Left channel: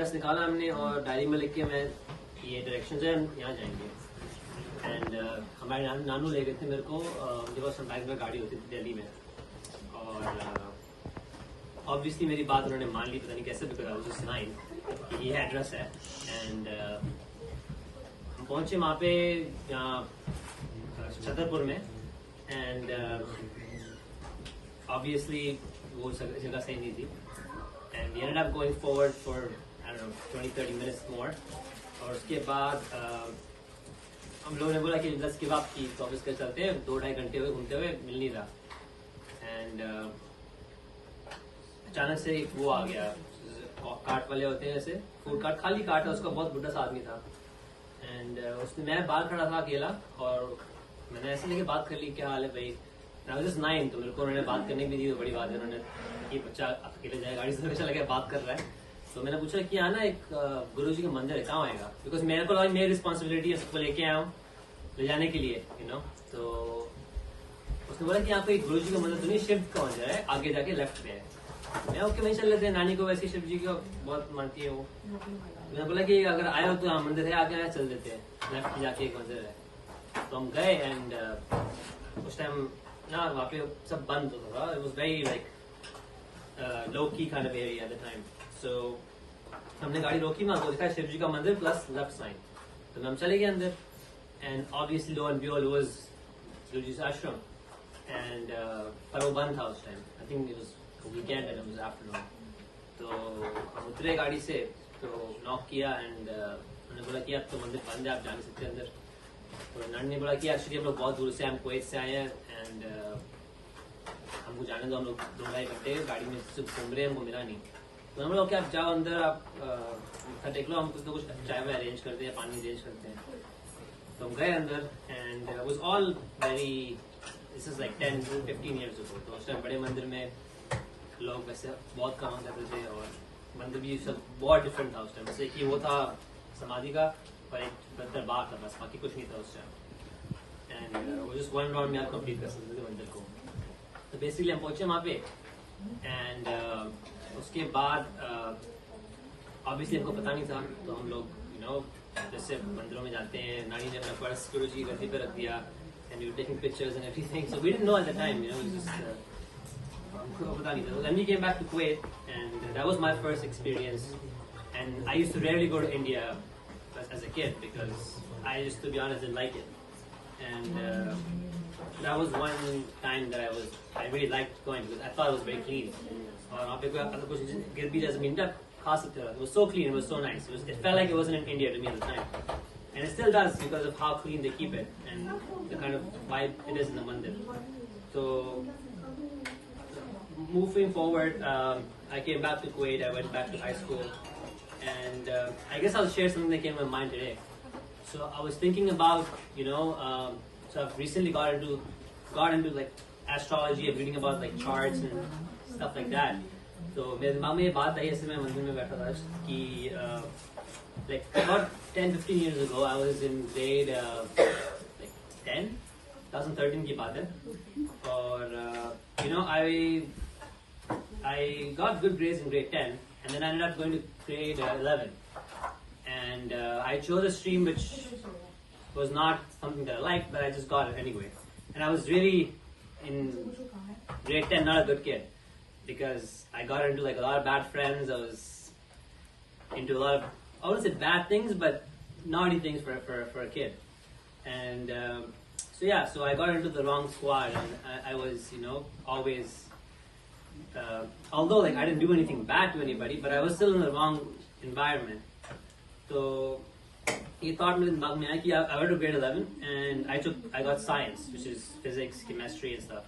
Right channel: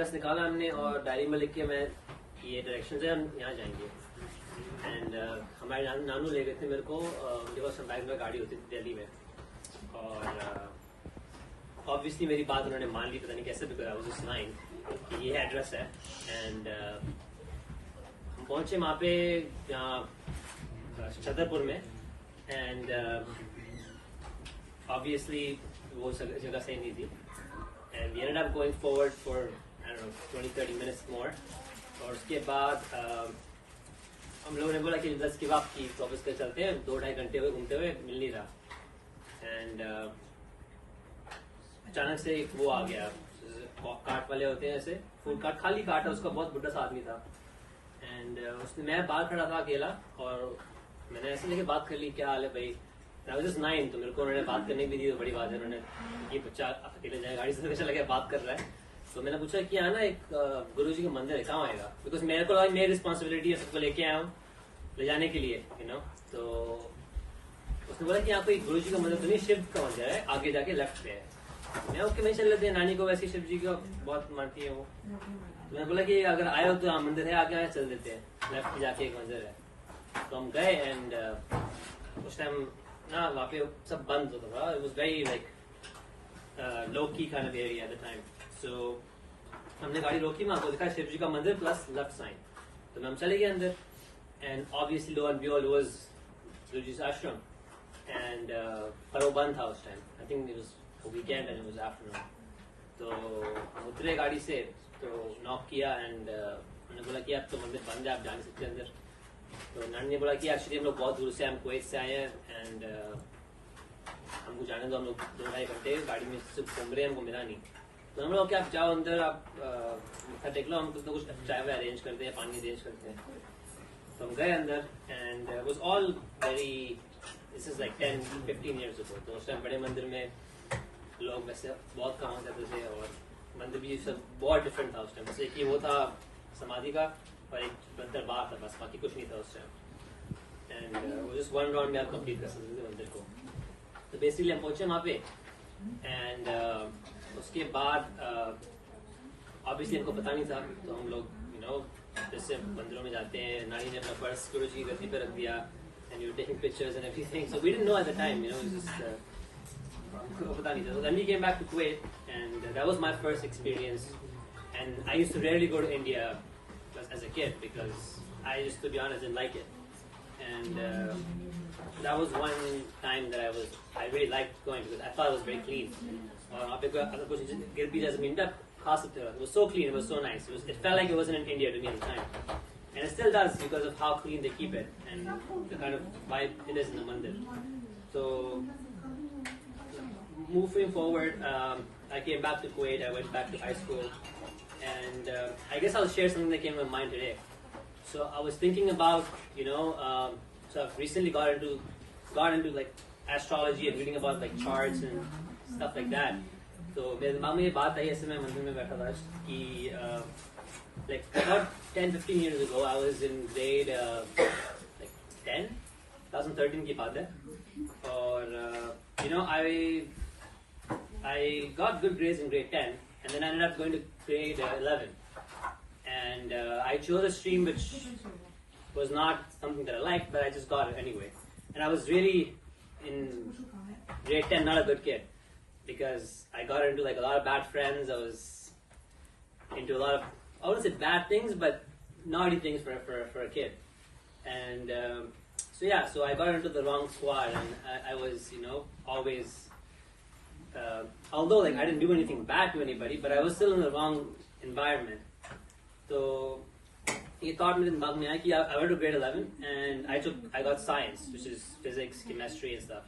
Address निकाला हमने और डायरी में लिख के मैं ये डायरेक्शन है यहाँ जाएंगे एंड हमारे नानू ले गए थे मेरे को उनके पास समटाइम में गाड़ी होती थी दिल्ली में और ऑब्वियसली मेरी बात उन्होंने मान ली पता नहीं कैसे भी करा मुझे सुनाई ये एड्रेस है एंड हम पहुंचे वहाँ पे यहाँ छतरपुर में एंड ऑब्वियसली वो जगह सही नहीं थी and we ended up going forward for I don't know 20-30 minutes more और उसके बाद हम लोगों ने बोला कि 10 के बाद की तो ऑफिस चलते हैं 2-2.5 घंटे हुए घूमते हुए मिल नहीं रहा एंड अचानक से एक वो आ गया कार्ट वाले होते हैं ऐसे फूड कार्ट खाली कार्ट है उसका बहुत बुढ़ा सा आदमी था एंड उसने मैं बाहर खड़ा था अकेला और मैंने ऐसे लेके बात कर ली क्या हाल है भाई आई वाज 9 तो मेरे को उन्होंने बात करने की दी तो बड़ी बात है उन्होंने ये बच्चा अकेले जाए गाड़ी से तो लगे बात कर रहा है तो मैंने पूछा कि यहाँ ना एक गुरुजी का मंदिर है कहाँ आएगा बिकॉज मेरे को लगा मेरी रिस्पॉन्सिबिलिटी है सबको लेके आया हूँ ले जाने के लिए यू नो तो उसने बोला कि यहाँ पे एक गुरुजी का मंदिर नहीं शिव का मंदिर है आगे जाके लेफ्ट पे है मैं ओके नहीं चल लेते हैं नानी को वैसे शिव जी का बहुत मानती है वो मैंने बोला कि अगर आए हो तो हाँ मंदिर है आगे आया चल देते हैं लेफ्ट जाके एक मंदिर है तो हम गए एंड उस टाइम ना वहाँ पे सब बंद होता था it was very like low की kind of area at the time so हमने गाड़ी रोकी वहाँ तो लिखा शिव जी का मंदिर प्लस लेफ्ट साइड तो हम चले गए अंदर and obviously lo and behold was Shiv ji ashram and पर वो बंद था उस time I think it was weekend and it was afternoon तो हम उतरे गाड़ी से तो नॉक किया एंड उन्होंने बोला कि आप तो मंदिर बंद है आप जा नहीं सकते अंदर तो नानी ने बोला कि एक्चुअली हम लोग बहुत दूर से हम कुवैत से आए हैं एंड हमको जाने दो हम लोग 2-2.5 घंटे गाड़ी में सिर्फ घूम रहे हैं हमको मिला नहीं तो हम लोग आप जाओ अंदर आप देख लो हम तो कुछ चाय वाय अरेंज करते हैं पानी अरेंज करते हैं तो हम गए अंदर and was all very this is like 10-15 years ago तो उस टाइम बड़े मंदिर में लोग वैसे बहुत कमा करते थे और मंदिर भी सब बहुत डिफरेंट था उस टाइम जैसे कि वो था समाधि का और एक दरबार था बस बाकी कुछ नहीं था उस टाइम एंड वो जस्ट 1 राउंड में आप कंप्लीट कर सकते थे मंदिर को तो बेसिकली हम पहुंचे वहाँ पे एंड उसके बाद ऑब्वियसली हमको पता नहीं था तो हम लोग यू नो जैसे मंदिरों में जाते हैं नानी ने अपना पर्स सिक्योरिटी की गद्दी पे रख दिया and you taking pictures and everything so we didn't know at the time you know हमको पता नहीं था when we came back to Kuwait and that was my first experience and I used to rarely go to India as a kid because I just to be honest didn't like it and that was one time that I really liked going because I thought it was very clean और वहाँ पे अगर कुछ गिर भी जैसे minute खा सकते थे it was so clean it was so nice it felt like it wasn't in India to me at the time and it still does because of how clean they keep it and the kind of vibe it is in the mandir so moving forward, I came back to Kuwait. I went back to high school, and I guess I'll share something that came to my mind today. So I was thinking about, you know, so I've recently got into like astrology and reading about like charts and stuff like that. So मेरे दिमाग में ये बात आई ऐसे मैं मंदिर में बैठा था कि like about 10-15 years ago I was in grade like 10, 2013 की बात है और you know I got good grades in grade 10 and then I ended up going to grade 11 and I chose a stream which was not something that I liked but I just got it anyway and I was really in grade 10 not a good kid because I got into like a lot of bad friends I was into a lot of I wouldn't say bad things but naughty things for a kid and so I got into the wrong squad and I was you know always although like I didn't do anything bad to anybody, but I was still in the wrong environment. So he thought मेरे दिमाग में आया कि I went to grade 11 and I got science, which is physics, chemistry and stuff.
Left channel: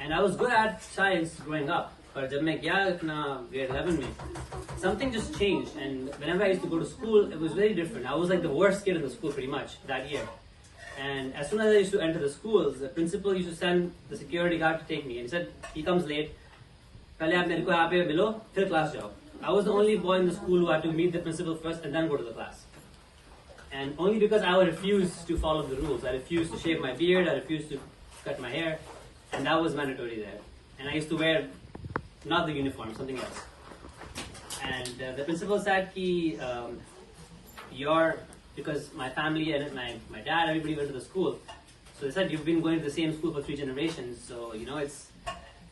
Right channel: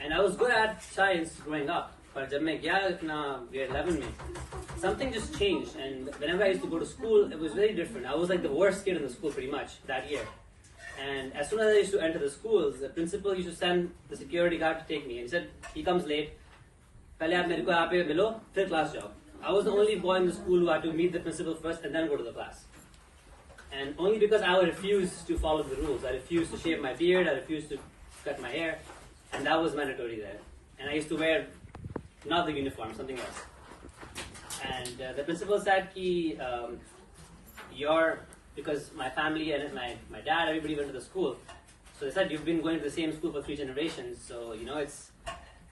And I was good at science growing up. पर जब मैं गया अपना grade 11 में, something just changed. And whenever I used to go to school, it was very different. I was like the worst kid in the school pretty much that year. And as soon as I used to enter the schools, the principal used to send the security guard to take me. And he said, he comes late. पहले आप मेरे को यहाँ पे मिलो फिर class जाओ I was the only boy in the school who had to meet the principal first and then go to the class and only because I would refuse to follow the rules I refused to shave my beard I refused to cut my hair and that was mandatory there and I used to wear not the uniform something else And the principal said, because my family and my dad, everybody went to the school. So they said, you've been going to the same school for 3 generations, so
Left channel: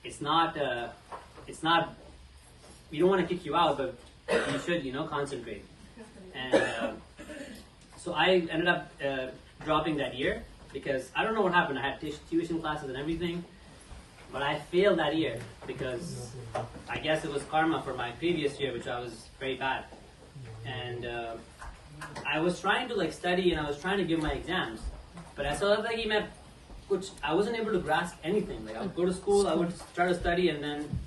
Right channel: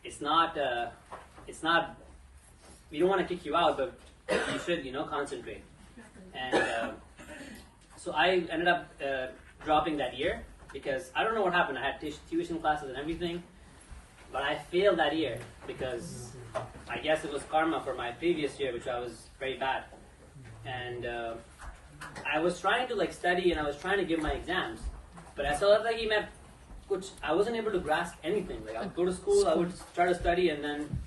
it's not, we don't want to kick you out, but you should, concentrate. And so I ended up dropping that year because I don't know what happened. I had tuition classes and everything, but I failed that year because I guess it was karma for my previous year, which I was very bad. And I was trying to study and I was trying to give my exams, but I saw that I wasn't able to grasp anything. I would go to school, I would try to study, and then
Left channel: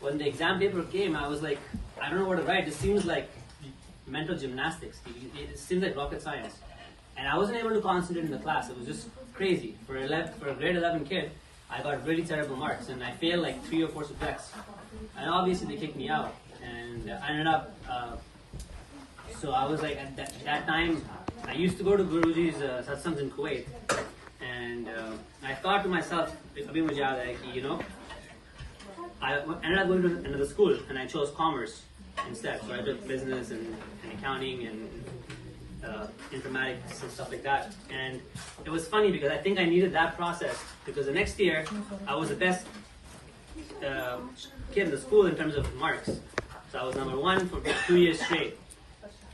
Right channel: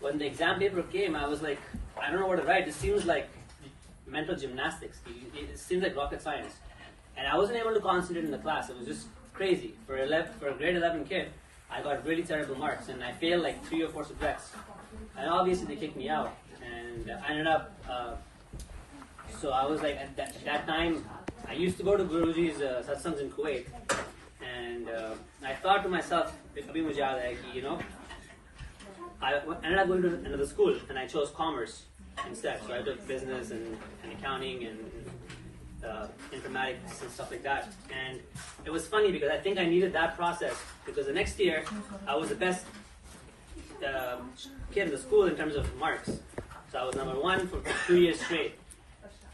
when the exam paper came, I was like, I don't know what to write. It seems like mental gymnastics. It seems like rocket science. And I wasn't able to concentrate in the class. It was just crazy. For a grade 11 kid, I got really terrible marks, and I failed 3 or 4 subjects. And obviously they kicked me out. And I ended up, so I was at that time, I used to go to Guruji's Satsangs in Kuwait. And I thought to myself, I ended up going to another school, and I chose commerce instead. So I took business and accounting and informatics and stuff like that. And it was funny because I think I needed that process because the next year I was the best kid in the school in terms of marks. So I was number 1 for 2 years straight.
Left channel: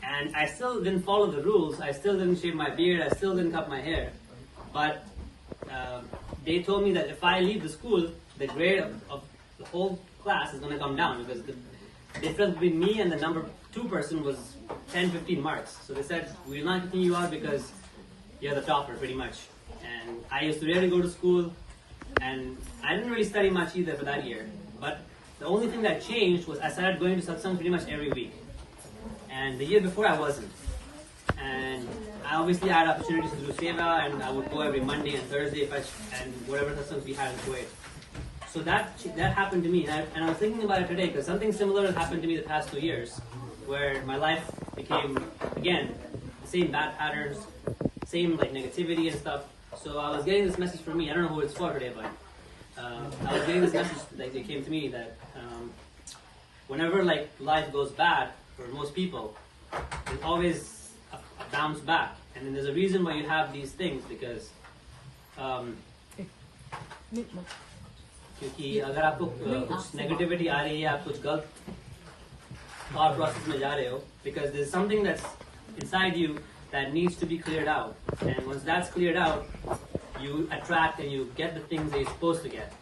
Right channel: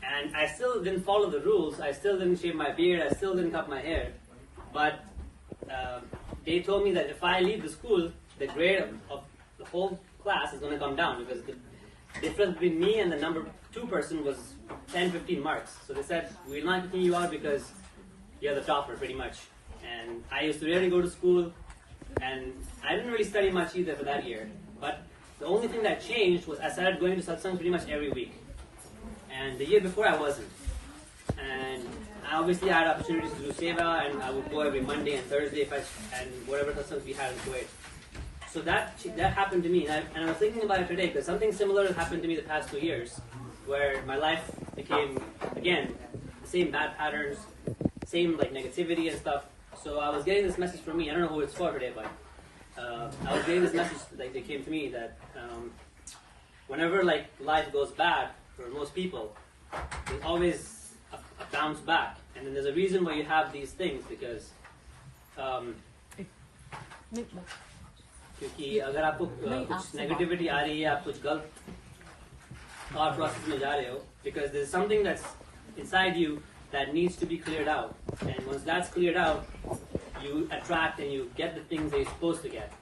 And I still didn't follow the rules. I still didn't shave my beard. I still didn't cut my hair. But they told me that if I leave the school, the grade of the whole class is going to come down because the difference between me and the number 2 person was 10-15 marks. So they said, we're not kicking you out because you're the topper pretty much. And I used to really go to school, and I didn't really study much either for that year. But the only thing that changed was I started going to satsang pretty much every week. And the year before I wasn't. And I obviously had opportunities to do seva, and I would go every Monday and Thursday and whatever satsangs we had in Kuwait. So that happened to me, and I was thinking about it today because something similar happened to me the past 2 years, where my life became, again, the same bad patterns, same negativity and stuff. So I was getting this message from me. I don't know who it's for today, but I was getting this message that came to me that whenever life goes bad for most people, there's always a bounce back, and then there's a reason why you have these things because. क्योंकि अगर आपको कुछ negativity आ रही है, आप कुछ गलत thought process में जा रहे हो, because there's something that's inside you that needs to be cleared out, and once that's cleared out, you attract and you get the things that you're supposed to get,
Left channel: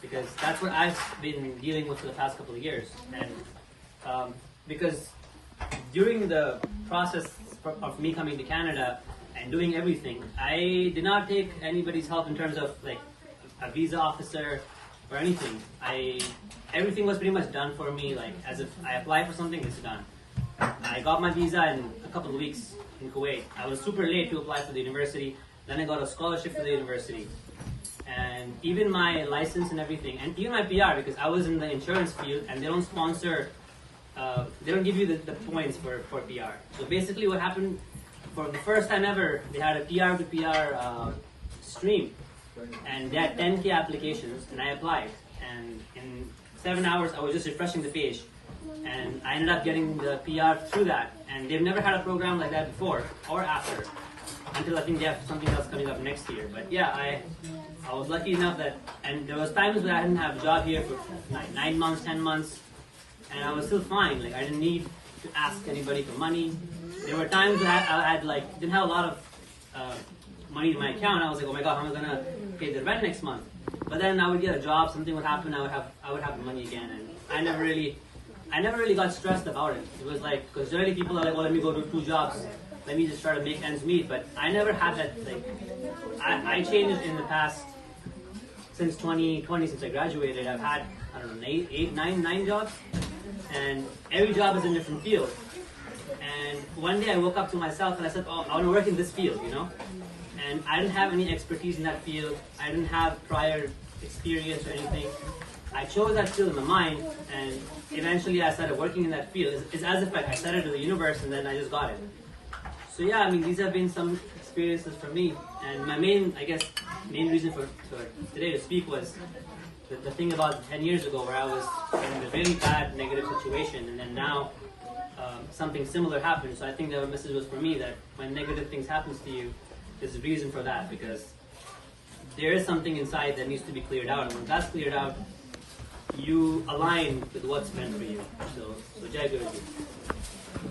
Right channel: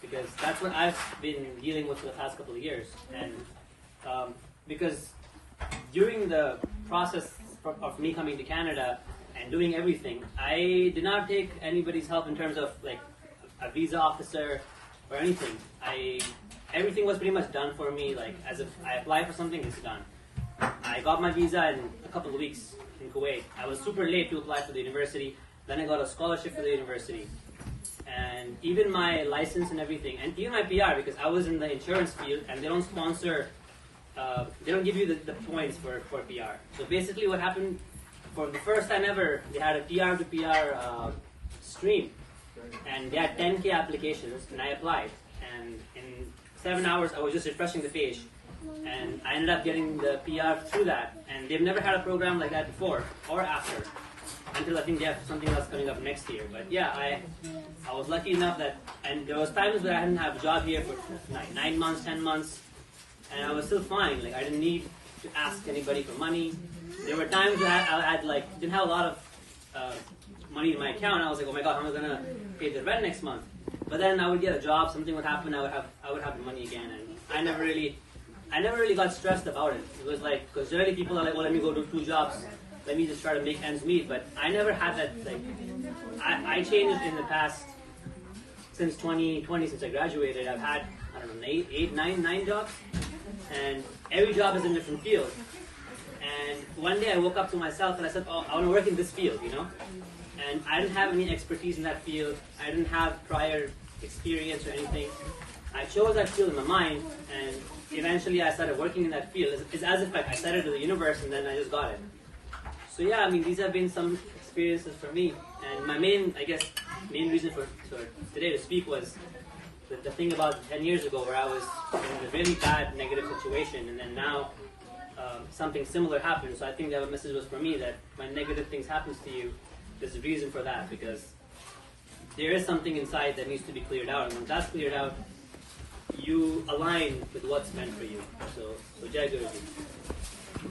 because that's what I've been dealing with for the past couple of years, and because during the process of me coming to Canada and doing everything, I did not take anybody's help in terms of a visa officer or anything. Everything was pretty much done for me. As if I apply for something, it's done. I got my visa in a couple of weeks in Kuwait. I was super late to apply for the university. Then I got a scholarship for the university, and even my license and everything, and even my PR, because I was in the insurance field, and they don't sponsor. They don't give you the points for PR. So basically, what happened for the first time ever, they had a PR to PR stream. And they had 10K applications, and I applied. And in 7 hours, I was just refreshing the page. And I ended up getting the PR through that. And they've never had a program like that before or after, until I think they have something else coming up next year. But yeah, I was lucky enough that, and there was times where I didn't have a job here for 9 months, 10 months, and I was still fine. I didn't need to ask anybody for money. There were times where I didn't have a lot of money in my account. I was like, oh my god, how am I gonna pay the rent next month? But then I would get a job, something would happen, I would have the money again, and I never really got stressed about it. It was because really people are like, well, let me go do 2 jobs, let me just try to make ends meet. But I never had that. I changed in the past since 2020, since I graduated. I've had nine jobs, and every job is in a different field. And one day I woke up to myself and I said, oh, I want to work in this field, And I didn't have any expertise in that field. I didn't have prior experience or anything. I chose that field in my mind, and eventually I started working in that field. It's as if I started at the universe and then I just got it. So yeah, these have been some experiences for me. And my main reason for today to speak was, the thing about 10 years ago where I was in a really bad negative situation, and then now something similar happened. So I think that the message was for me that when negative things happens to you, there's a reason for that, because there is something inside that needs to be cleared out, and when that's cleared out, you align with what's meant for you. So Jai Guruji.